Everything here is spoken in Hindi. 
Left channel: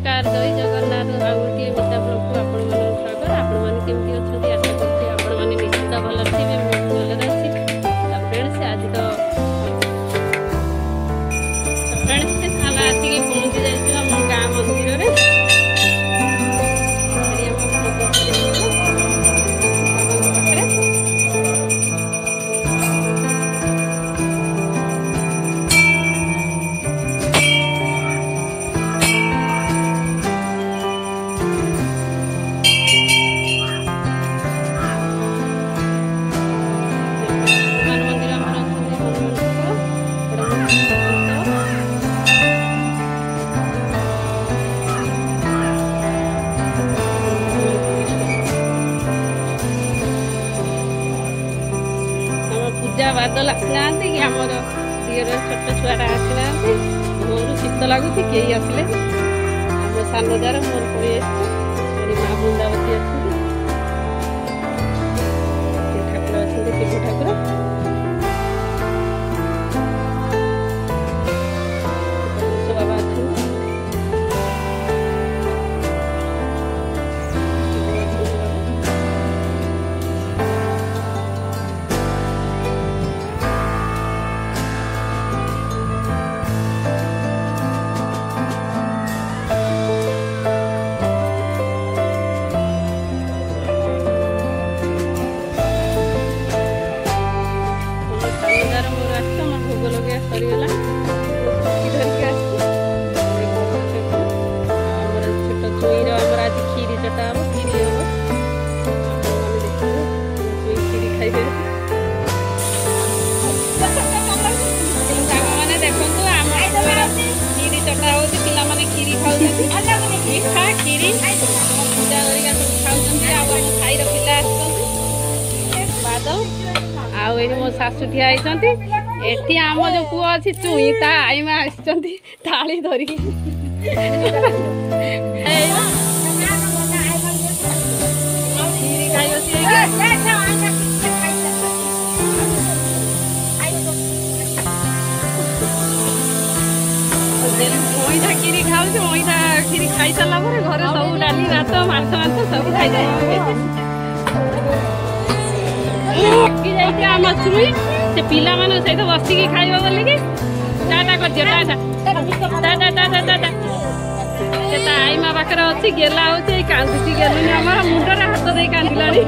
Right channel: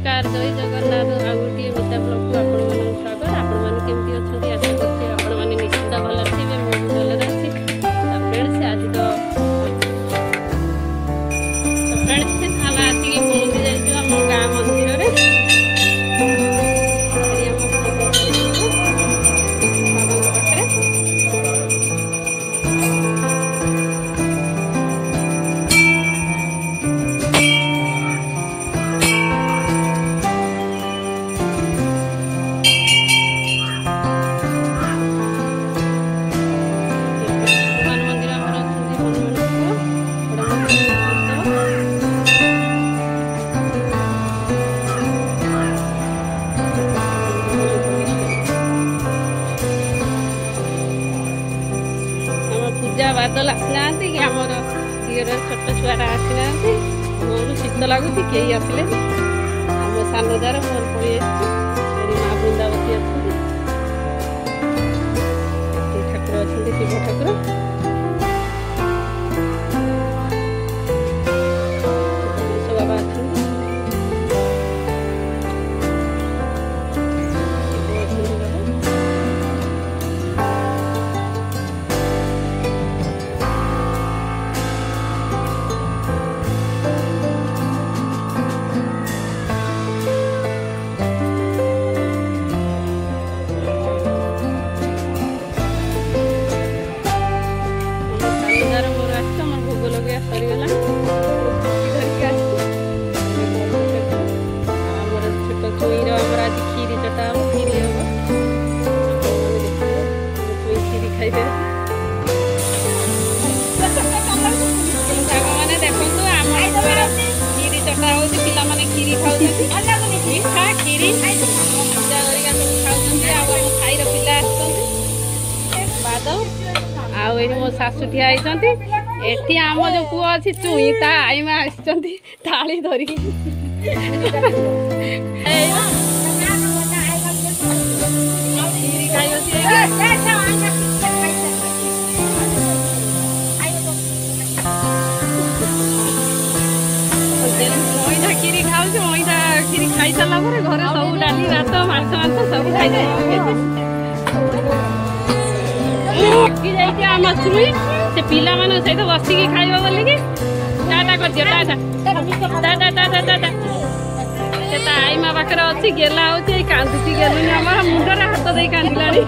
नमस्कार जय जगन्नाथ आउ गोटे मिता ब्लॉग को आपण मन स्वागत। आपण माने केमती अछंती आशा करछि आपण माने निश्चित भल थिबे। मु भी भल रहछि। फ्रेंड्स आज तो फ्रेंड्स खाना आसी के पहुंची जाइछु हम गाँ मंदिर रे। पूजा बादल आसीना कि आमर दियर छोट छुआटा आसीना मोर शीत लगुच कई आसिले आम सान जार मोर पड़ी मेरी माँ बृंदावती अच्छा ठाकुर अच्छा शिव ठाकुर बाबा अच्छा मोर आम भोग लगे सरीगला स्कूटी धरिक आमर छोट चुईर आज खीरी चटा हम खीरी हम देखिए चुई खीरी खाइबे मैंने देखु आम खीरी चटा हो पाने खीरी खाऊ मिठा खीरी पूजा गरिका सब खाऊ खाईर पिला बादल आउ मो शाशु ठिया एठी आम जो पुओ अच्छी चुई ता आईमा आसी थाली धरिकी मईठा खीरी खाऊ मईठा खीरी खाई सारा घर सब डाली भात माछ मांस सब खाई आम चुई से पिला मान सहित बसिकी खाइबा बोलिकी टाटा कर दियो टाटा टाटा टाटा से आईमा पाखे अच्छी गेला होची कांदुची गेलुनी आम मुंडर हाथ दे कांदिलानी।